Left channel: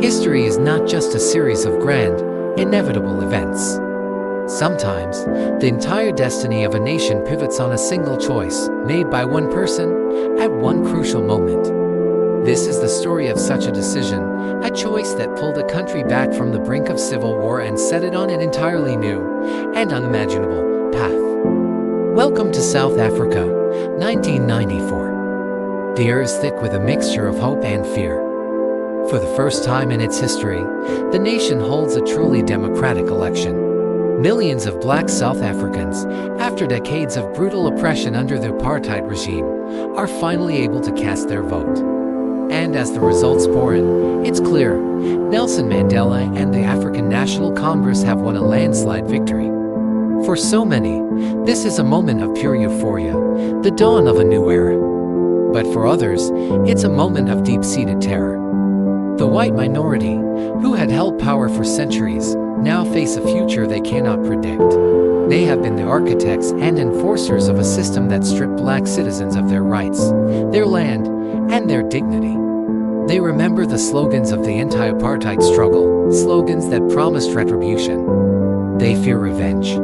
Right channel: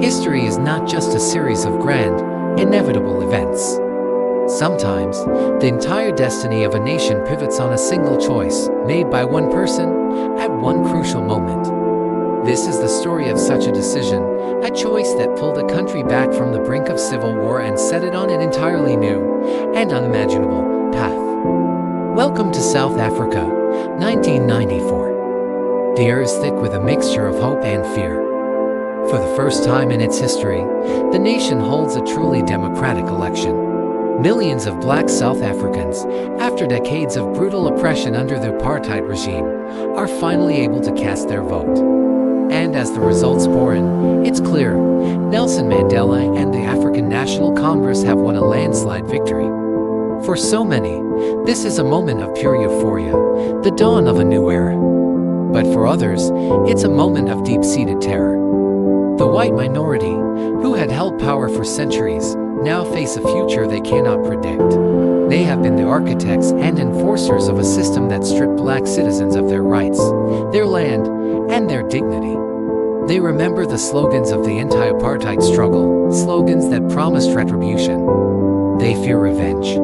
History is not just a series of grand, inevitable events. Sometimes, the entire destiny of a nation pivots on a single choice made by one person at one crucial moment. This is the story of such a decision, a choice that pulled a country back from the brink of civil war and set it on an entirely new and unimaginable path. Welcome to South Africa, 1994. The air is thick with a mixture of hope and fear. For the first time in its history, the nation holds a truly democratic election. Millions of black South Africans, after decades of brutal oppression under the apartheid regime, are finally able to cast their vote. And as the results pour in, it's clear, Nelson Mandela and the African National Congress have won a landslide victory. For so many, this is a moment of pure euphoria, the dawn of a new era. But for others, it's a moment of deep-seated terror. The white minority, who had held power for centuries, now face a future they cannot predict. They have been the architects and enforcers of a system that stripped black citizens of their rights, their land, and their dignity. They remember the slogans of the anti-apartheid struggle, slogans that promised retribution. They fear revenge.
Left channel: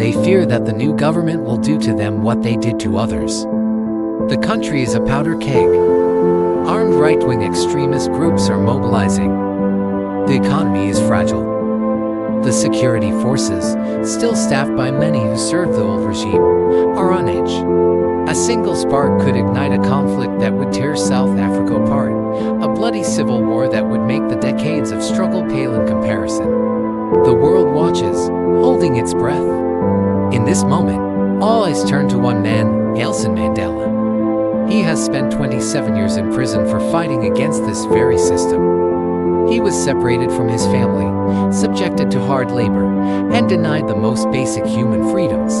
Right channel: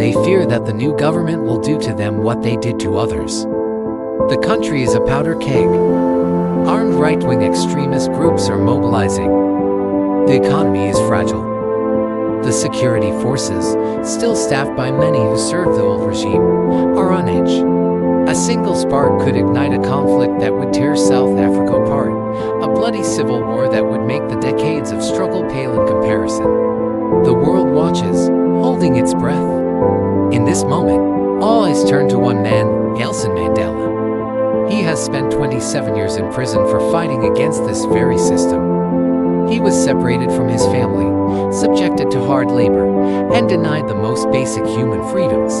They fear that the new government will do to them what they did to others. The country is a powder keg. Armed right-wing extremist groups are mobilizing. The economy is fragile. The security forces, still staffed by many who served the old regime, are on edge. A single spark could ignite a conflict that would tear South Africa apart, a bloody civil war that would make the decades of struggle pale in comparison. The world watches, holding its breath. In this moment, all eyes turn to one man, Nelson Mandela. He has spent 27 years in prison for fighting against this very system. He was separated from his family, subjected to hard labor, and denied the most basic human freedoms.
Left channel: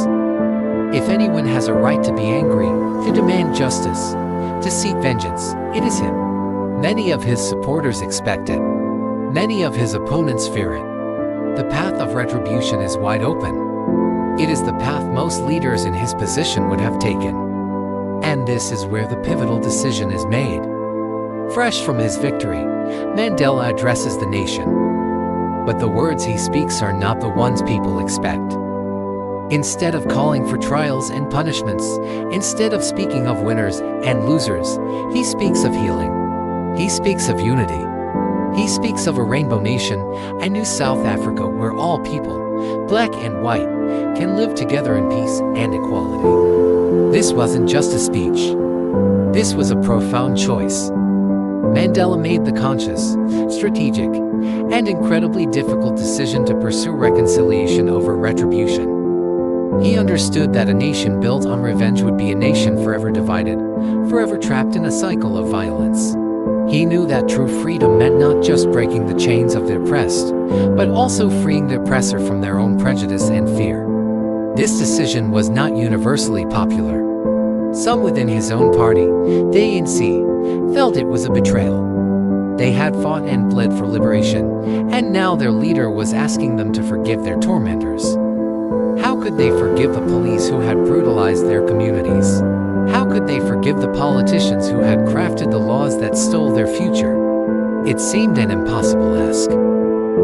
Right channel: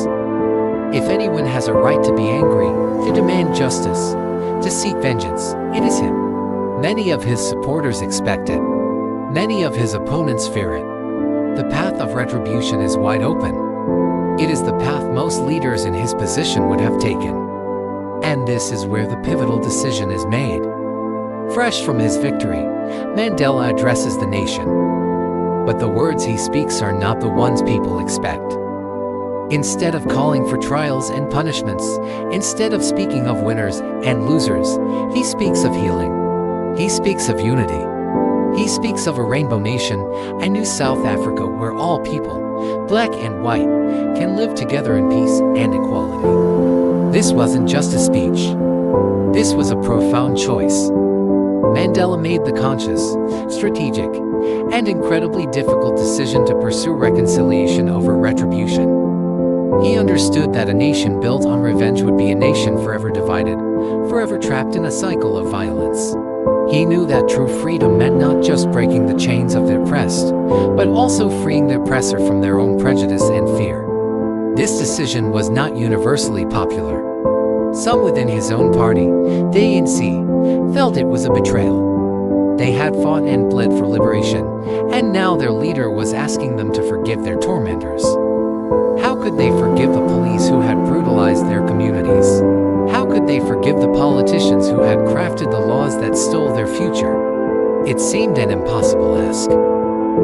If anyone has a right to be angry, to demand justice, to seek vengeance, it is him. Many of his supporters expect it. Many of his opponents fear it. The path of retribution is wide open. It is the path most leaders in his position would have taken. And this is where the pivotal decision is made. Fresh from his victory, Mandela addresses the nation. But the words he speaks are not the ones people expect. Instead of calling for trials and punishments, instead of speaking of winners and losers, he speaks of healing. He speaks of unity. He speaks of a rainbow nation, a new South Africa where all people, black and white, can live together in peace and equality. This wasn't just a speech. This was a profound choice. Mandela made the conscious, strategic, and incredibly difficult decision to pursue reconciliation over retribution. He understood that a nation built on revenge would be a nation forever divided, forever trapped in a cycle of violence. He knew that true freedom meant not just breaking the chains of the oppressed, but also freeing the oppressor from their own prejudice and fear. This decision was not universally popular. Some within his own party, the ANC, felt it was a betrayal. They had fought and bled for liberation, and now their leader was asking them to forgive their tormentors. How could they forgive the police who had brutalized their communities? How could they forgive the politicians who had crafted the laws that stole their future? It seemed an impossible ask.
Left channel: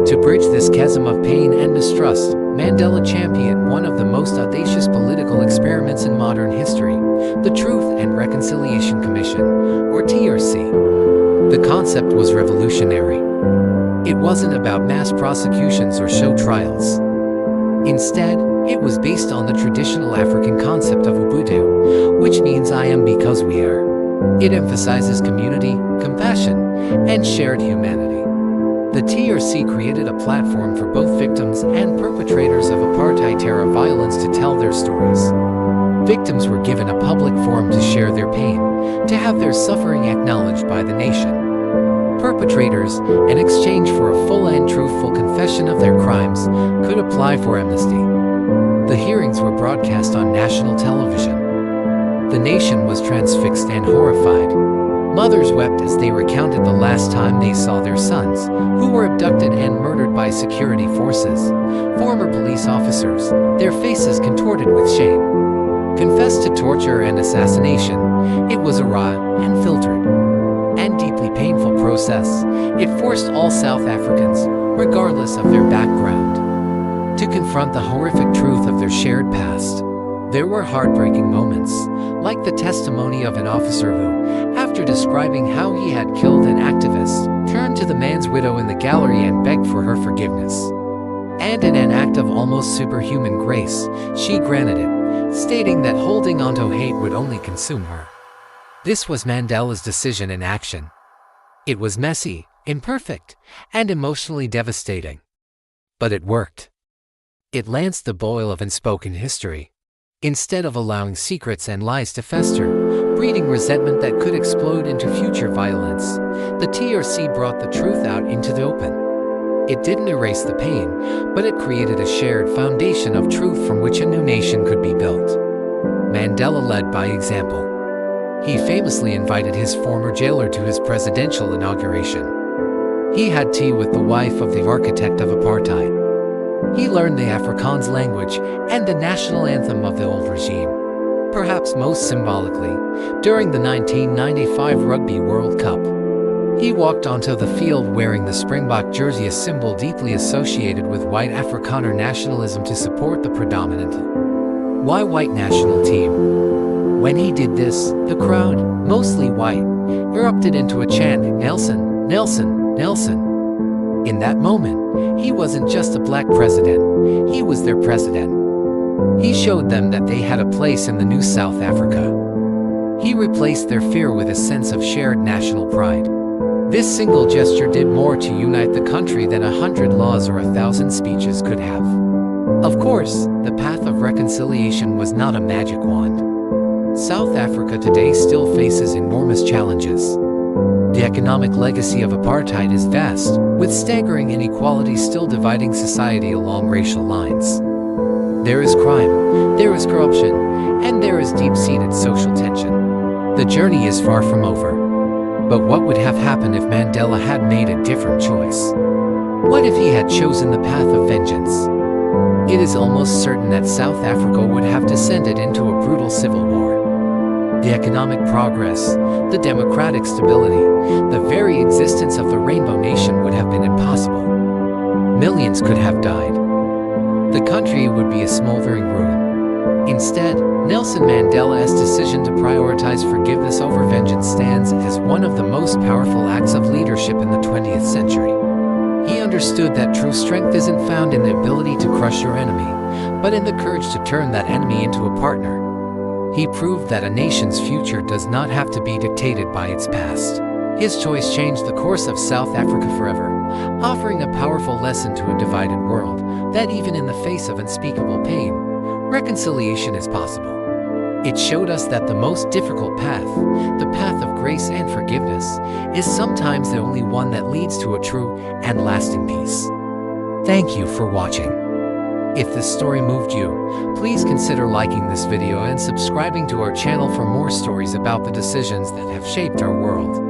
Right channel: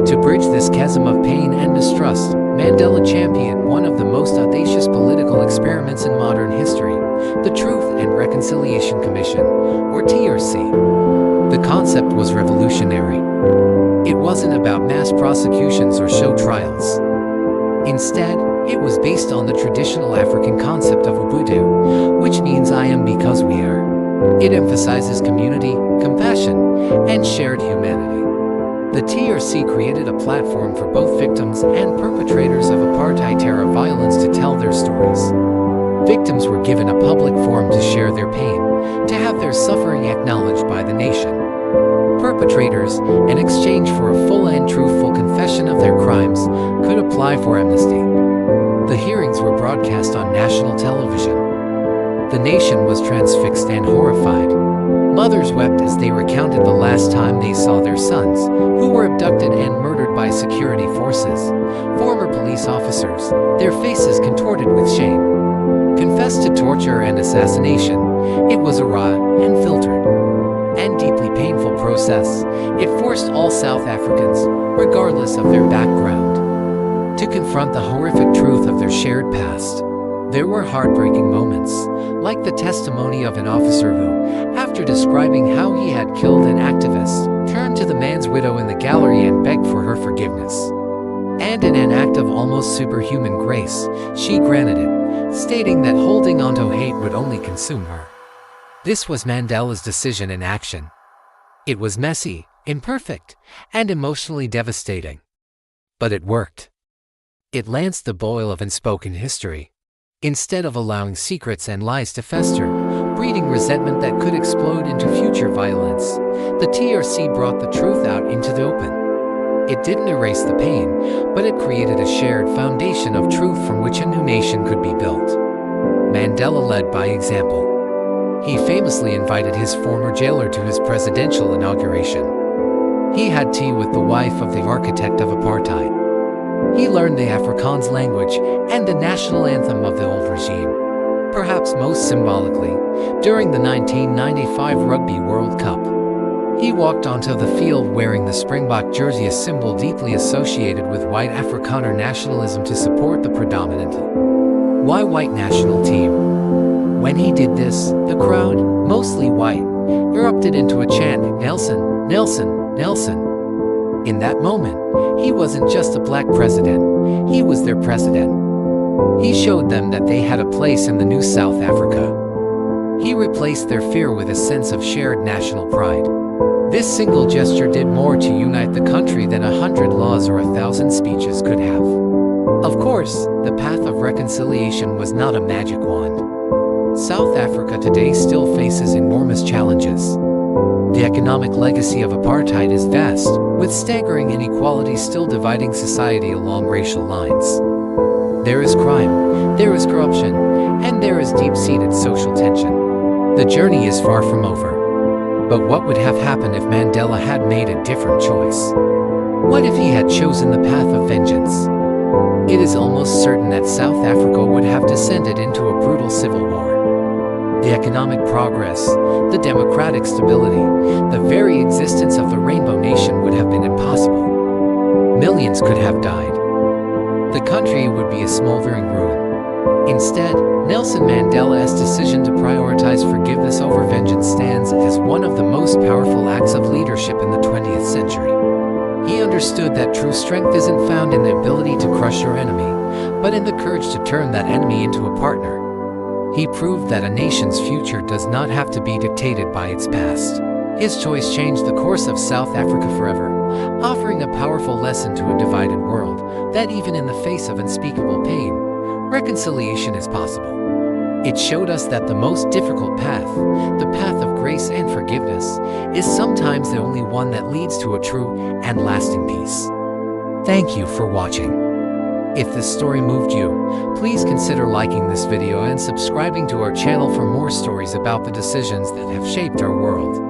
To bridge this chasm of pain and mistrust, Mandela championed one of the most audacious political experiments in modern history, the Truth and Reconciliation Commission, or TRC. The concept was revolutionary. It wasn't about mass prosecutions or show trials. Instead, it was based on the traditional African concept of Ubuntu, which means I am because we are. It emphasizes community, compassion, and shared humanity. The TRC created a platform for both victims and perpetrators of apartheid-era violence to tell their stories. Victims were given a public forum to share their pain, to have their suffering acknowledged by the nation. Perpetrators, in exchange for a full and truthful confession of their crimes, could apply for amnesty. The hearings were broadcast on national television. The nation was transfixed and horrified. Mothers wept as they recounted the last time they saw their sons, who were abducted and murdered by security forces. Former police officers, their faces contorted with shame, confessed to torture and assassination. It was raw and filtered. and deeply painful process. It forced all South Africans, regardless of their background, to confront the horrific truth of their shared past. There were heartbreaking moments, like the testimony of an officer who, after describing how he had killed an activist, turned to the man's widow in the gallery and begged for her forgiveness. And in an act of almost superhuman grace, she granted it, stating that holding onto hate would only consume her. This was Mandela's decision in action. It was messy, imperfect, and emotionally devastating. But it worked. It lanced the boil of unspoken history. Instead of allowing secrets and lies to fester, breeding resentment that could explode into future violence, the TRC brought the truth out into the open. It didn't erase the pain, but it created a shared foundation of truth from which a new nation could be built. Mandela led by example. He famously invited his former jailer to his presidential inauguration. He had tea with the wife of the architect of apartheid. He learned the Afrikaans language and the national anthem of the old regime. Perhaps most symbolically, during the 1995 Rugby World Cup, he walked onto the field wearing the Springbok jersey, a symbol deeply associated with white Afrikaner nationalism, to support the predominantly white national team. When he did this, the crowd, mostly white, erupted into a chant, "Nelson, Nelson, Nelson." In that moment, he wasn't just a black president, he was their president. He showed them that they had a place in the new South Africa. He replaced their fear with a sense of shared national pride. This single gesture did more to unite the country than 100 laws or 1,000 speeches could have. Of course, the path of reconciliation was not a magic wand. South Africa today still faces enormous challenges. The economic legacy of apartheid is vast, with staggering inequalities still dividing society along racial lines. There is crime, there is corruption, and there is deep-seated social tension. The journey is far from over. But what would have happened if Mandela had made a different choice? What if he had chosen the path of vengeance? It is almost certain that South Africa would have descended into a brutal civil war. The economic progress, the democratic stability, the very existence of the Rainbow Nation would have been impossible. Millions could have died. The country would be a smoldering ruin. Instead, Nelson Mandela's decision to prioritize forgiveness over vengeance stands as one of the most powerful acts of leadership in the 20th century. He understood that true strength isn't found in the ability to crush your enemy, but in the courage to turn that enemy into a partner. He proved that a nation's future does not have to be dictated by its past. His choice changed the course of South Africa forever, offering a powerful lesson to a divided world that even in the face of unspeakable pain, reconciliation is possible. It showed us that the most difficult path, the path of grace and forgiveness, is sometimes the only one that leads to a true and lasting peace. Thank you for watching. If this story moved you, please consider liking this video and subscribing to our channel for more stories about the decisions that have shaped our world.